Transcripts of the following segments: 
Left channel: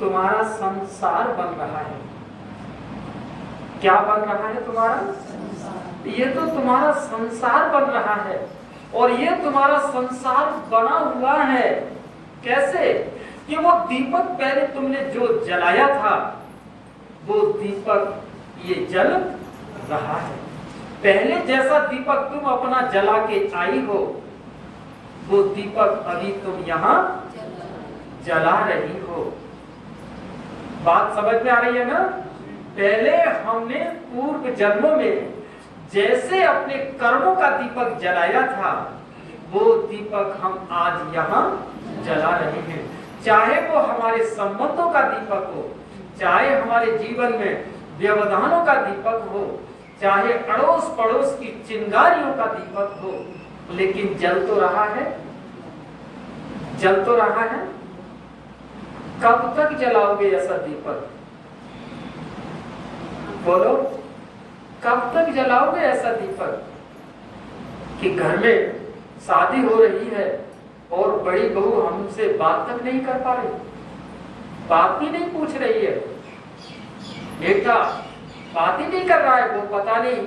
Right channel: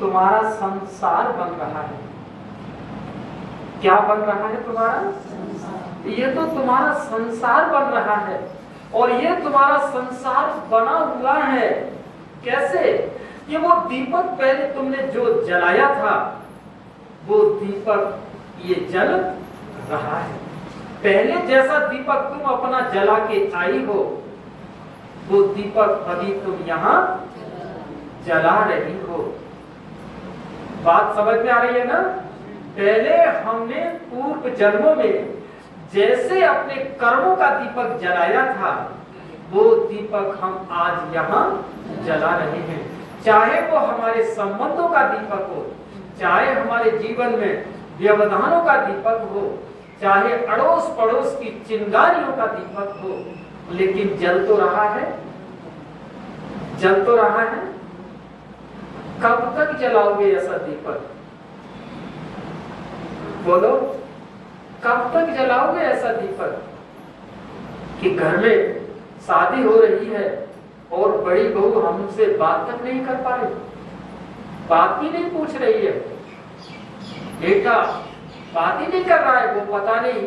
तुम्हारा संसार बन रहा है। क्या बन रहा है तुम्हारा? ये तो तुम्हारा संसार बन रहा है। और ये तुम्हारा संसार बना हुआ है कैसे? कि वो दीपक पहले तुमने जो जलाया था, वो दीपक ये जल रहा है। पहले जैसा दीपक तुम अपना जला के आई हो, वो दीपक अभी तुम यहाँ जला रही हो। बात समझ में आ रही है ना? पहले हमने पूर्व जन्मों में जैसे अपने कर्मों का दीपक जलाया था, वो दीपक हम आज यहाँ जला रहे हैं। चाहे वो हमारे संबंधों का दीपक हो, चाहे हमारे जीवन में व्यवधानों का दीपक हो, चाहे अड़ोस पड़ोस की चिंगारियों का दीपक हो, लेकिन जल तो रहा है। जल तो रहा है। कब तक जलाओगे ऐसा दीपक? बोलो, कब तक जलाओगे ऐसा दीपक? कि घर में शादी हो रही है और बड़ी बहू हमसे बात तक नहीं कर पा रही, बात ही नहीं पूछ रही है। बेटा बात ही नहीं कर रहा है, वो पता नहीं,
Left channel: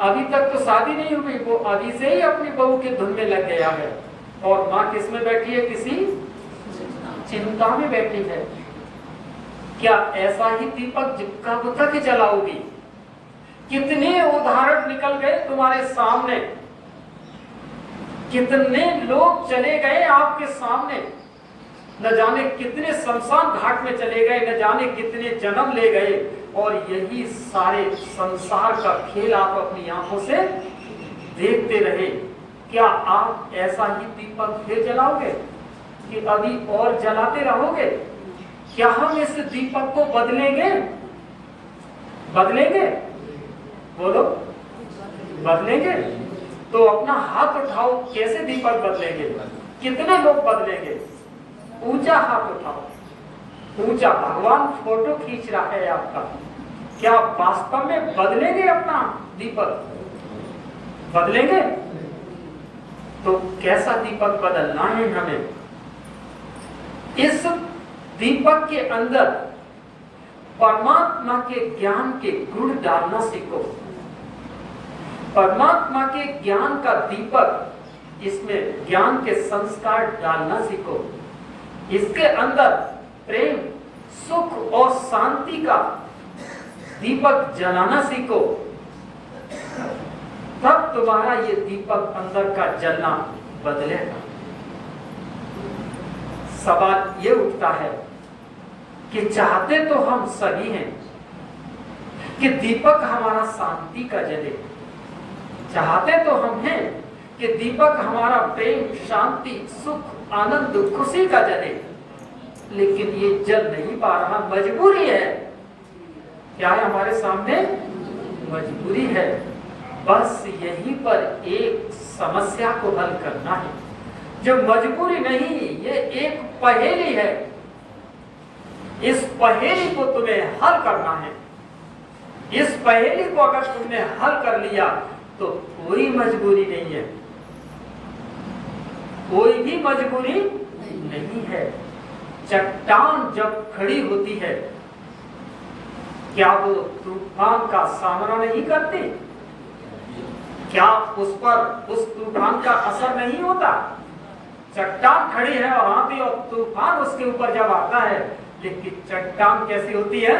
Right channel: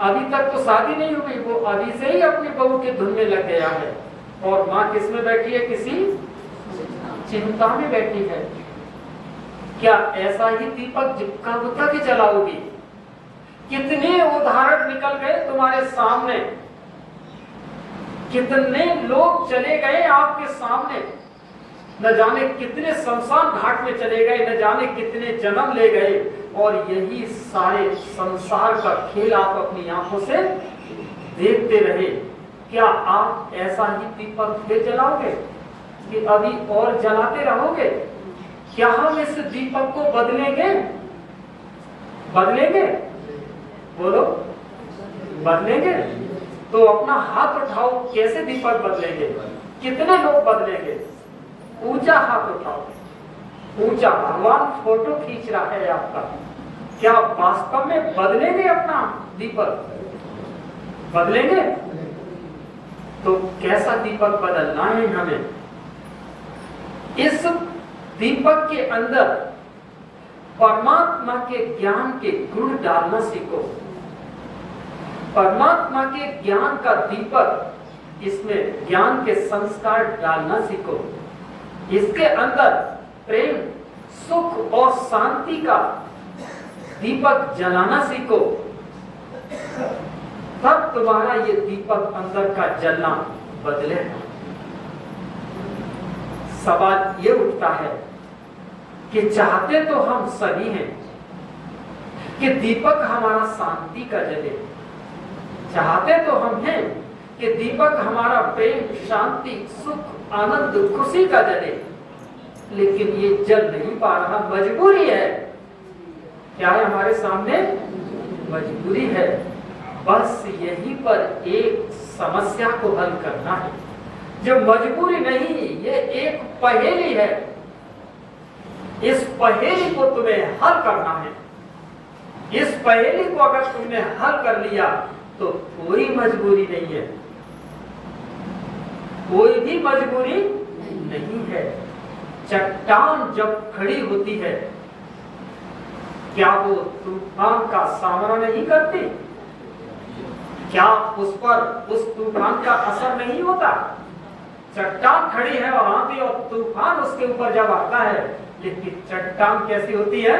अभी तक तो शादी नहीं हुई, वो अभी से ही अपनी बहू के धुन में लग गया है। और माँ किस में बैठी है? किसी चिंता में बैठी है। क्या ऐसा ही दीपक कब तक जलाओगी? कितने उदाहरण निकल गए तुम्हारे सामने, कितने लोग चले गए आपके सामने, न जाने कितने शमशान घाट में चले गए, न जाने कितने जन्म ले गए, और यही सारे संसार का खेल आप अपनी आंखों से देखते रहे। क्या आप ऐसा ही दीपक फिर जलाओगे कि अभी और जलाते रहोगे? क्या हम इस दीपक को बदलेंगे? बदलेंगे? बोलो, बदलेंगे? तो अपना हाथ उठाओ, कैसे दीपक बदलेंगे? कितने लोग बदलेंगे? ऊंचा हाथ उठाओ, ऊंचा। भगवान फोटो खींच रहा है आपका। क्या वास्तव में बदलेंगे अपना दीपक? बदलेंगे? तो कैसा दीपक बदलना है हमें? इस दीपक के अंदर परमात्मा के ज्ञान के गुण डालना सीखो। परमात्मा के ज्ञान का दीपक, इसमें ज्ञान के संस्कार डालना सीखो। इसके अंदर प्रेम, सुख और शांति का दीपक जलाना सीखो। तब तुम्हारा ये दीपक अंदर का जलना बदलेगा। सवाल ये उठता है कि चाहते तो हम सभी हैं कि दीपक हमारा शांति का जले, चाहते तो हम हैं कि दीपक हमारा प्रेम, शांति, सुख, आनंद, खुशी का जले, लेकिन ये जल नहीं पा रहा। मजबूरी है। क्या है हमारे सामने? मजबूरी है। बस यहीं पर एक समस्या को हल करना है, जो मजबूरी नहीं, ये एक पहेली है। इस पहेली को तुम्हें हल करना है। इस पहेली को अगर तुमने हल कर लिया तो कोई मजबूरी नहीं है, कोई भी मजबूरी नहीं है। चट्टान जब खड़ी होती है, क्या वो तूफान का सामना नहीं करती? क्या उस पर उस तूफान का असर नहीं होता? चट्टान खड़ी है और आंधी और तूफान उसके ऊपर जब आता है, लेकिन चट्टान कैसी होती है?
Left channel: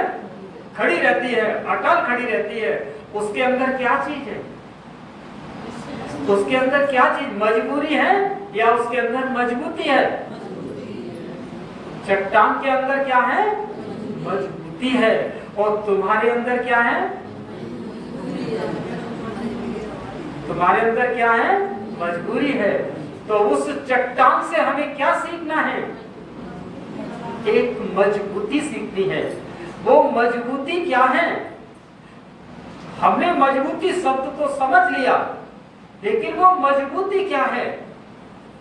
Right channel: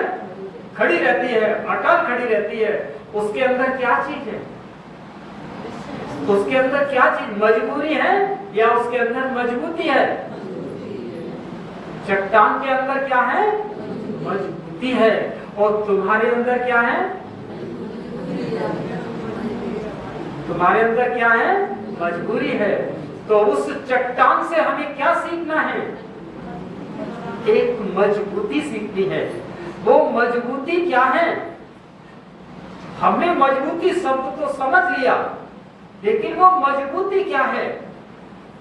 खड़ी रहती है, अटल खड़ी रहती है। उसके अंदर क्या चीज है? उसके अंदर क्या चीज? मजबूरी है या उसके अंदर मजबूती है? चट्टान के अंदर क्या है? मजबूती है। और तुम्हारे अंदर क्या है? तुम्हारे अंदर क्या है? मजबूरी है। तो उस चट्टान से हमें क्या सीखना है? एक मजबूती सीखनी है। वो मजबूती क्या है? हमने मजबूती शब्द तो समझ लिया, लेकिन वो मजबूती क्या है?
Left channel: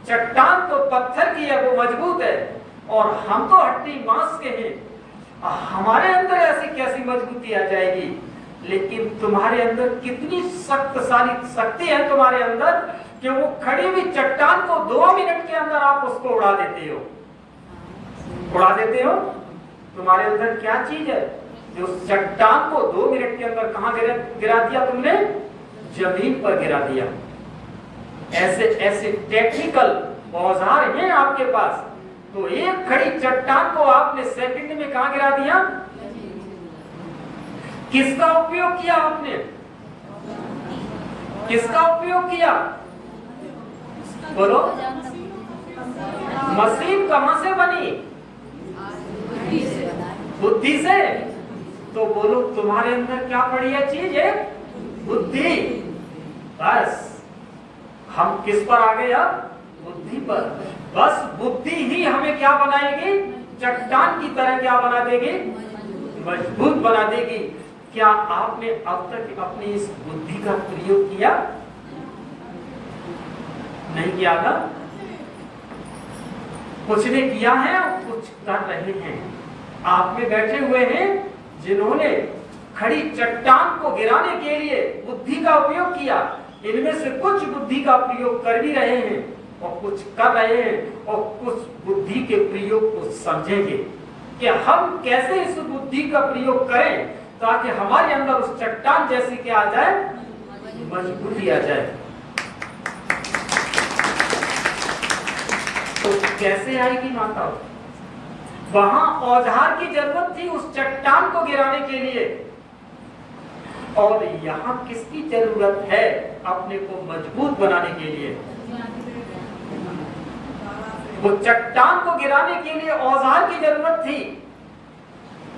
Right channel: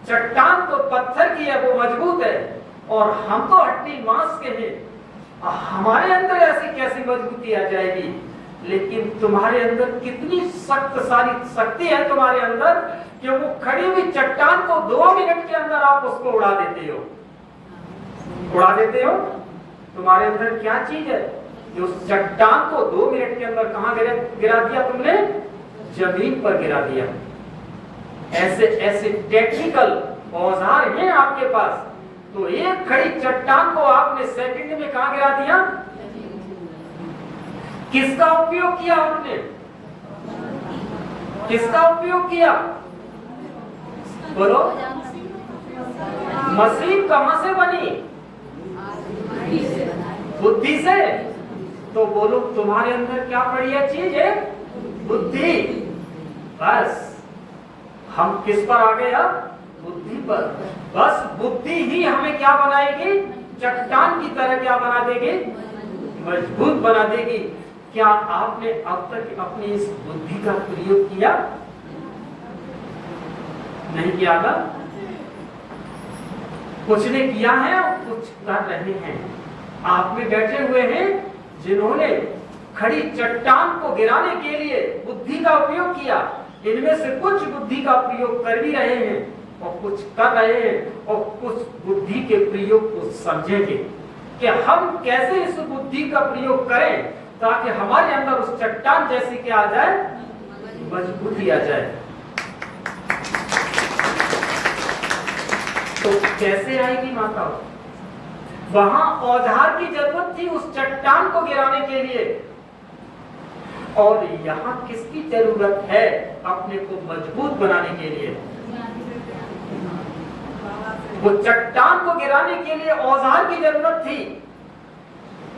चट्टान तो पत्थर की है, वो मजबूत है, और हम तो हड्डी मांस के हैं। हमारे अंदर ऐसी कैसी मजबूती आ जाएगी? लेकिन तुम्हारे अंदर कितनी शक्तिशाली शक्ति है तुम्हारे अंदर कि वो खड़ी हुई चट्टान को 2 मिनट के अंदर आप उसको उड़ा देते हो। उड़ा देते हो। तुम्हारे अंदर क्या चीज है जो चट्टान को 2 मिनट के अंदर कहां गिरा दिया तुमने? जमीन पर गिरा दिया। ऐसे ऐसे टेक्निकल औजार हैं आपके पास, तो एक खड़ी चट्टान को आपने सेकंड में कहां गिरा दिया? किसका उपयोग किया आपने? किसका उपयोग किया? बोलो। मशीन कहां से बनी? बुद्धि से। तो बोलो तुम्हारे अंदर क्या पड़ी है चीज है? बुद्धि। बस हम किस पर आ गए अब? बुद्धि पर। बस बुद्धि ही हमें क्या बनाएगी? चट्टान की तरह क्या बना देगी? मजबूत बना देगी। क्या आपने अब तक अपनी इस बुद्धि का प्रयोग किया? नहीं किया ना? कुछ ने किया है और कुछ कर रहे हैं। आप में बैठे हुए हैं जिन्होंने खड़ी चट्टान को गिराने के लिए बुद्धि का उपयोग किया। इनमें से कुछ बुद्धि का प्रयोग कर भी रहे हैं और कुछ कर रहे हैं और कुछ बुद्धि के प्रयोग को समझेंगे कि हम कैसे इस बुद्धि का प्रयोग करें ताकि हमारे अंदर उस चट्टान जैसी क्या आ जाए? मजबूती आ जाए। तो कैसे आएगी माता? वहां औजार की जरूरत थी उस चट्टान को गिराने के लिए, और यहाँ किसकी जरूरत है अपने को मजबूत बनाने के लिए? वो चट्टान को गिराने के लिए औजार की जरूरत थी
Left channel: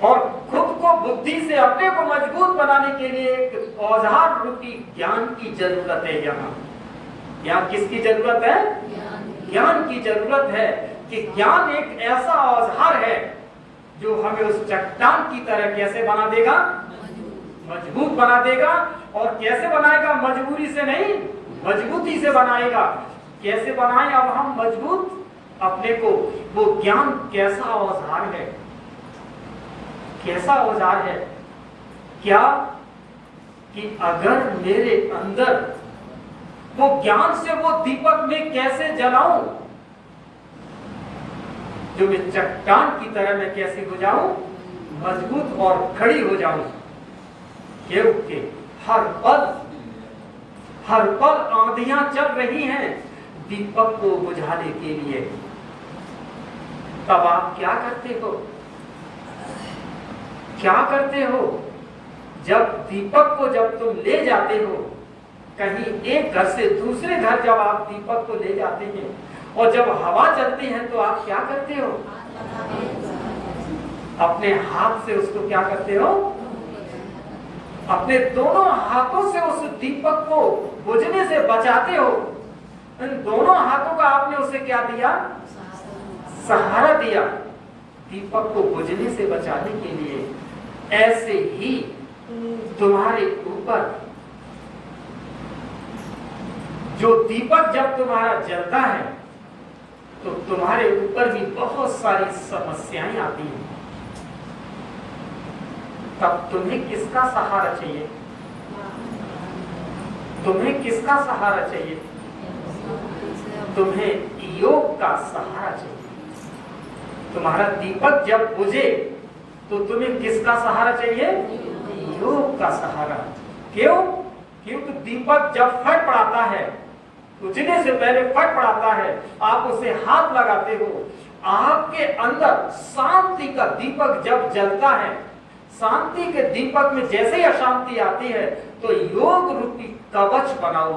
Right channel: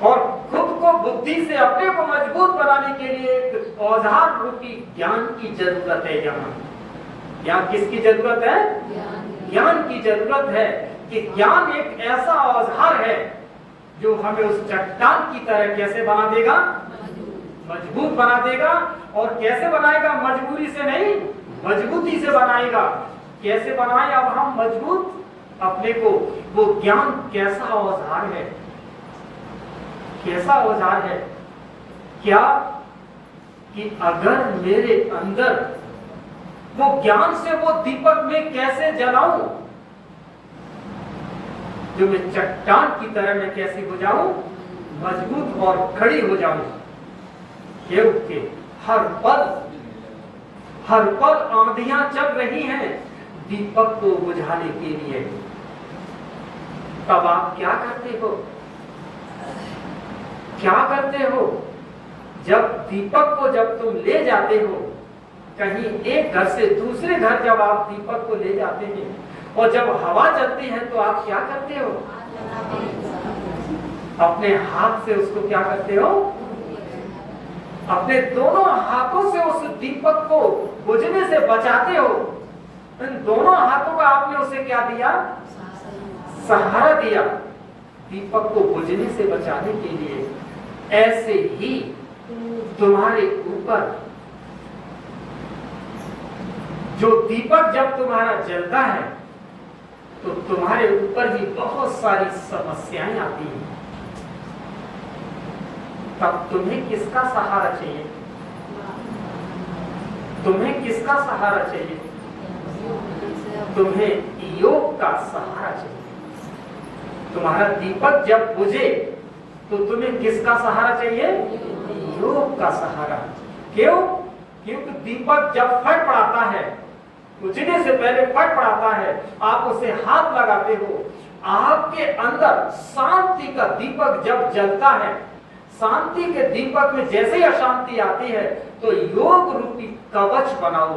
और खुद को बुद्धि से अपने को मजबूत बनाने के लिए एक औजार रूपी ज्ञान की जरूरत है। यहाँ किसकी जरूरत है? ज्ञान की जरूरत है कि ज्ञान एक ऐसा औजार है जो हमें उस चट्टान की तरह कैसे बना देगा? मजबूत बना देगा। और कैसे बनाएगा? मजबूरी से नहीं, मजबूती से बनाएगा। कैसे बनाए अब हम मजबूत अपने को? वो ज्ञान कैसा औजार है? कैसा औजार है? क्या कि अगर मेरे अंदर वो ज्ञान से वो दीपक में कैसे जलाऊं जो मैं चट्टान की तरह मैं कैसे हो जाऊं? मजबूत और खड़ी हो जाऊं। क्योंकि हर पल आंधियां चल रही हैं दीपक को बुझाने के लिए। तब आप क्या करते हो? क्या करते हो? जब दीपक को जब तुम ले जाते हो कहीं एक घर से दूसरे घर, जब आप दीपक को ले जाते हैं और जब हवा चलती है तो आप क्या करते हो? अपने हाथ से उसको क्या करते हो? अपने दोनों हाथों से उस दीपक को बुझने से बचाते हो। इन दोनों हाथों का आपने उसे क्या दिया? सहारा दिया दीपक को बुझने से बचाने के लिए। ऐसे ही तुम्हारे ऊपर जो दीपक जब तुम्हारा जलता है तो तुम्हारे ऊपर भी बहुत सारी समस्याएं आती हैं। तब तुम्हें किसका सहारा चाहिए? तुम्हें किसका सहारा चाहिए? तुम्हें योग का सहारा चाहिए। तुम्हारा दीपक जब बुझे तो तुम्हें किसका सहारा चाहिए? योग का सहारा। क्यों? क्योंकि दीपक जब फट पड़ाता है, बुझने से पहले फट पड़ाता है, आप उसे हाथ लगाते हो, आपके अंदर शांति का दीपक जब जलता है, शांति के दीपक में जैसे ही अशांति आती है तो योग रूपी कवच बनाओ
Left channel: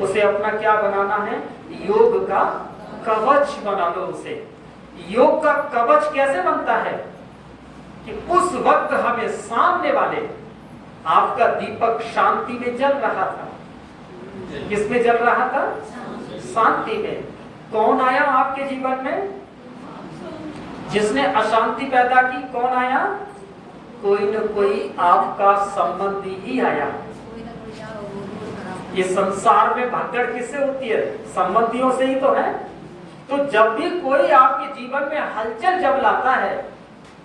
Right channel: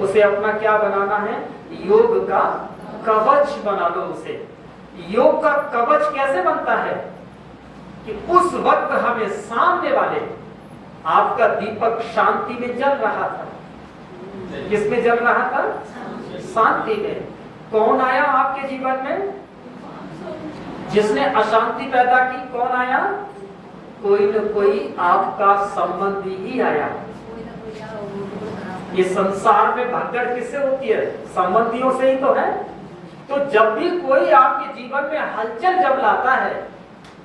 उसे अपना क्या बनाना है? योग का कवच बना लो उसे। योग का कवच कैसे बनता है कि उस वक्त हमें सामने वाले आपका दीपक शांति में जल रहा था। किसमें जल रहा था? शांति में। कौन आया आपके जीवन में जिसने अशांति पैदा की? कौन आया? कोई न कोई आपका संबंधी ही आया। ये संसार में भगदड़ किससे होती है? संबंधियों से ही तो है। तो जब भी कोई आपके जीवन में हलचल जब लाता है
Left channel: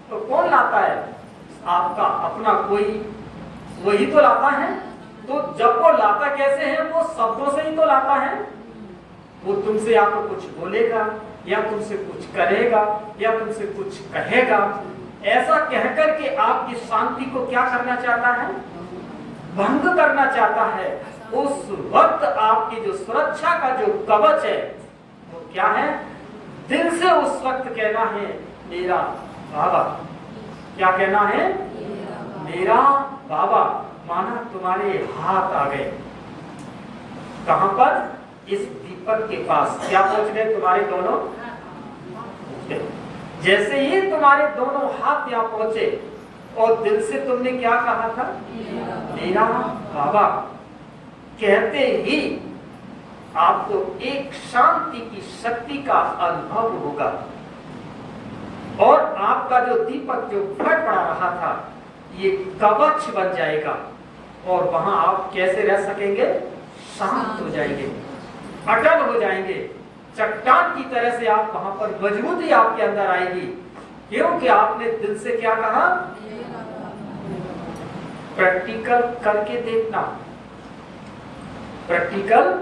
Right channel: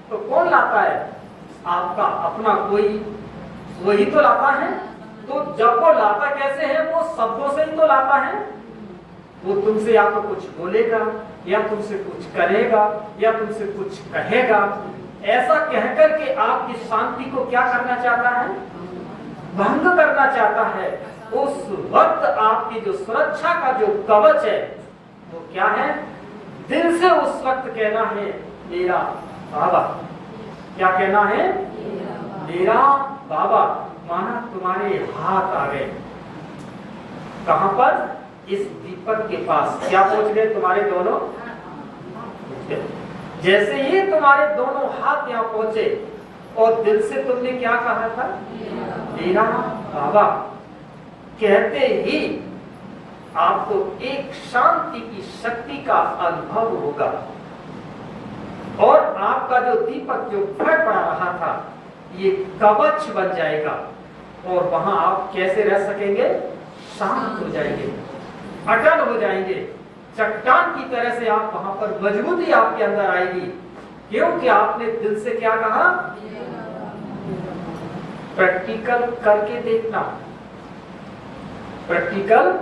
तो कौन लाता है? आपका अपना कोई, वही तो लाता है। तो जब वो लाता कैसे है? वो शब्दों से ही तो लाता है। वो तुमसे या तो कुछ बोलेगा या तुमसे कुछ करेगा या तुमसे कुछ कहेगा, ऐसा कहकर के आपकी शांति को क्या करना चाहता है? भंग करना चाहता है। उस वक्त आपकी जो सुरक्षा का जो कवच है वो क्या है? दिल से उस वक्त कहना है मेरा बाबा। क्या कहना है? मेरा बाबा। माना तुम्हारे हाथ आ गए, कहां पर? इस दीपक के पास। क्या पहुंच गए? तुम्हारे दोनों। जैसे ही तुम्हारे दोनों हाथ यहाँ पहुंचे और दिल से तुमने क्या कहा था? मेरा बाबा। कहते ही आपको एक शांति की शक्ति का अनुभव होगा और आपका जो दीपक जो फट पड़ा रहा था ये कवच बन जाएगा और वहां आप कैसे रह सकेंगे? शांत हो जाएंगे, अटल हो जाएंगे, चट्टान की तरह से आप वहां पर मजबूती आपके अंदर आएगी, क्योंकि आपने दिल से क्या कहा? प्रैक्टिकल करके देखना, प्रैक्टिकल।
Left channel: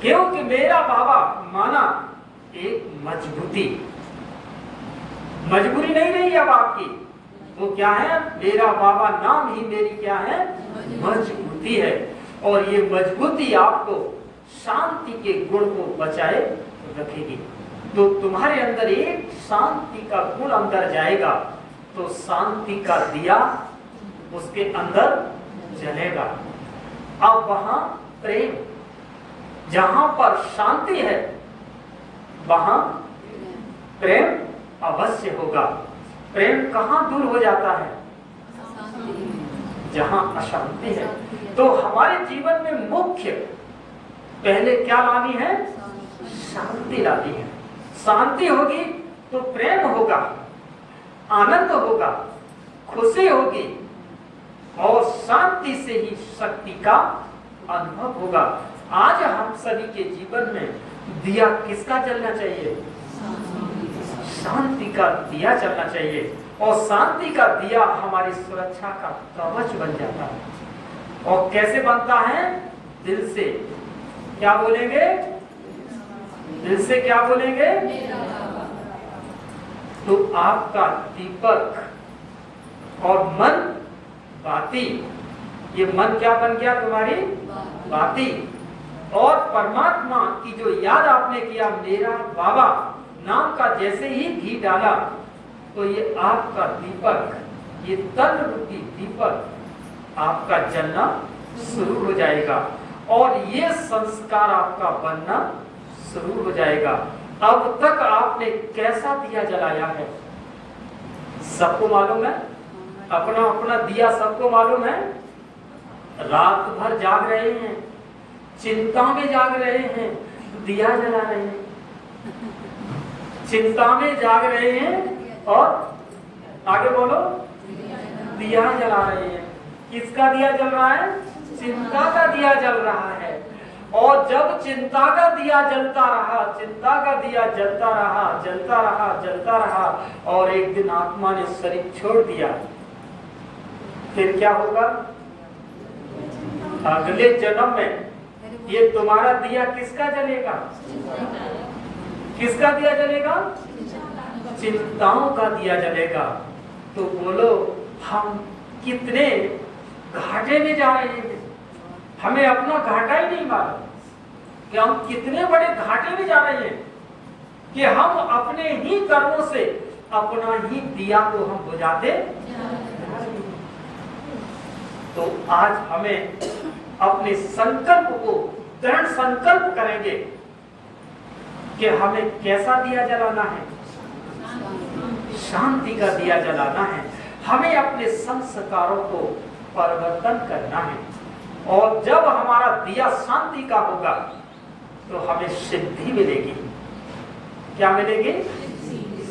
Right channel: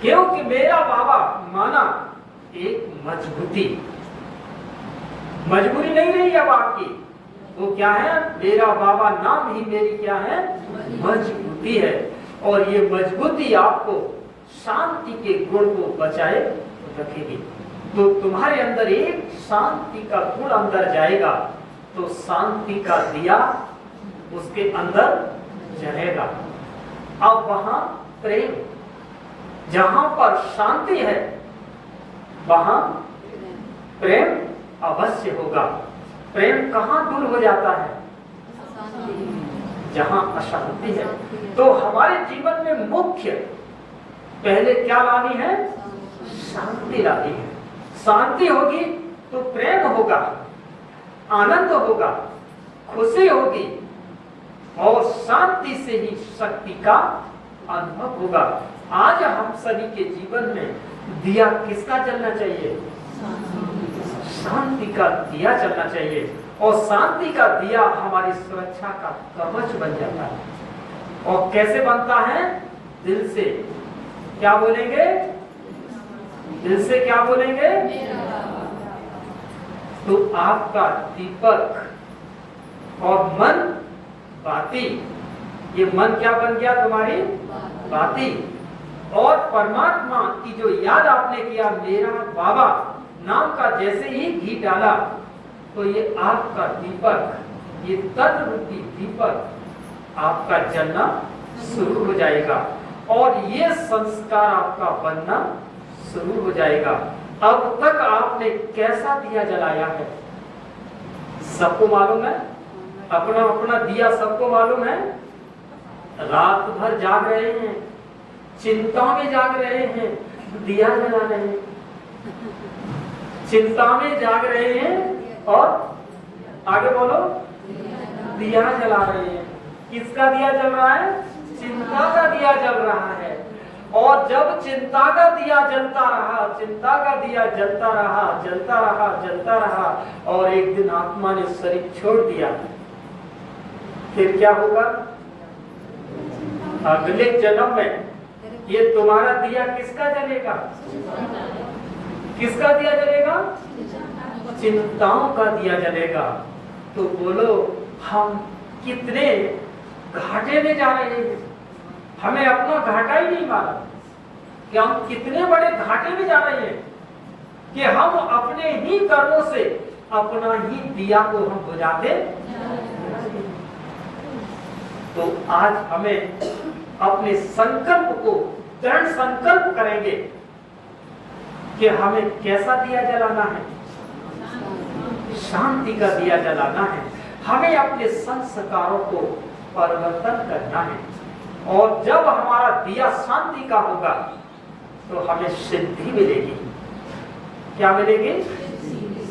क्योंकि मेरा बाबा माना एक मजबूती, मजबूरी नहीं रही अब आपकी। वो क्या है? मेरा बाबा नाम ही मेरी क्या है? मजबूती है। और ये मजबूती आपको शांति के गुण को बचाए रखेगी। तो तुम्हारे अंदर एक शांति का गुण अंदर जाएगा तो शांति का दिया उसके अंदर जलेगा। अब वहां प्रेम, जहां पर शांति है वहां प्रेम अवश्य होगा। प्रेम कहां दूर हो जाता है? जहां अशांति है। तो हमारे जीवन में मुख्य पहले क्या लानी है? शांति लानी है। शांति होगी तो प्रेम होगा, आनंद होगा, खुशी होगी और शांति से ही शक्ति का अनुभव होगा। आज हम सभी के जीवन में दिया किसका जलना चाहिए? शांति का दिया जलना चाहिए और शांति का दिया हमारी सुरक्षा का कवच बन जाता है। और कैसे बनता है? दिल से। क्या बोलेंगे? दिल से क्या बोलेंगे? तो आपका दीपक और मन बाती। ये मन क्या बन गया? तुम्हारी बाती। और परमात्मा की जो याद आपने किया मेरा बाबा नाम का, जैसे ही घी डाला तो ये आपका दीपक, ये तन रूपी दीपक आपका जलना शुरू हो जाएगा और ये संस्कार आपका बनना शुरू हो जाएगा। अब तक आपने कैसा दिया जलाया है सबको मालूम है? अपना अपना दिया सबको मालूम है। रात भर जाग रहे हैं, चिंता में जाग रहे हैं, दिया जला रहे हैं। चिंता में जाग रहे हैं और आगे बोलो, दिया जला रहे हैं। किसका दिया जल रहा है? चिंता का दिया जल रहा है। और जब चिंता का दिया जलता रहा, चिंता का दिया जलता रहा, जलता रहा, जलता रहा और एक दिन आत्मा ने शरीर छोड़ दिया, फिर क्या होगा? अगले जन्म में ये तुम्हारा दिया किसका जलेगा? किसका दिया जलेगा? चिंताओं का दिया जलेगा। तो बोलो हम कितने घाटे में जा रहे हैं, हमें अपना घाटा ही नहीं मालूम कि हम कितने बड़े घाटे में जा रहे हैं कि हम अपने ही कर्मों से अपना ही दिया को हम बुझाते। तो आज हमें अपने संकल्प को दृढ़ संकल्प करेंगे कि हमें कैसा दिया जलाना है? शांति का दिया जलाना है। हमें अपने संस्कारों को परिवर्तन करना है और जब हमारा दिया शांति का होगा तो हमें सिद्धि मिलेगी। क्या मिलेगी?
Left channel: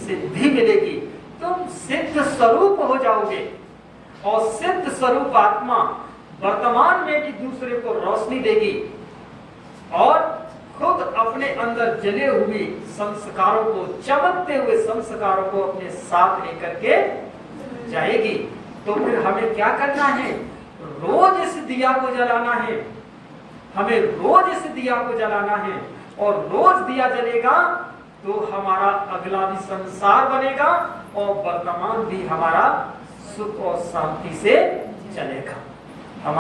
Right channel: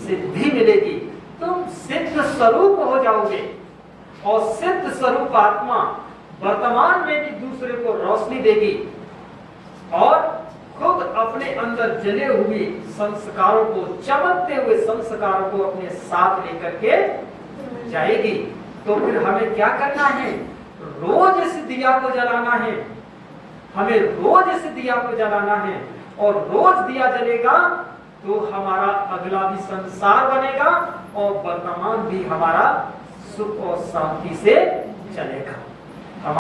सिद्धि मिलेगी। तुम सिद्ध स्वरूप हो जाओगे और सिद्ध स्वरूप आत्मा वर्तमान में भी दूसरे को रोशनी देगी और खुद अपने अंदर जले हुए संस्कारों को, चमकते हुए संस्कारों को अपने साथ लेकर के जाएगी। तो फिर हमें क्या करना है? रोज इस दिया को जलाना है। हमें रोज इस दिया को जलाना है और रोज दिया जलेगा तो हमारा अगला भी संसार बनेगा और वर्तमान भी हमारा सुख और शांति से चलेगा।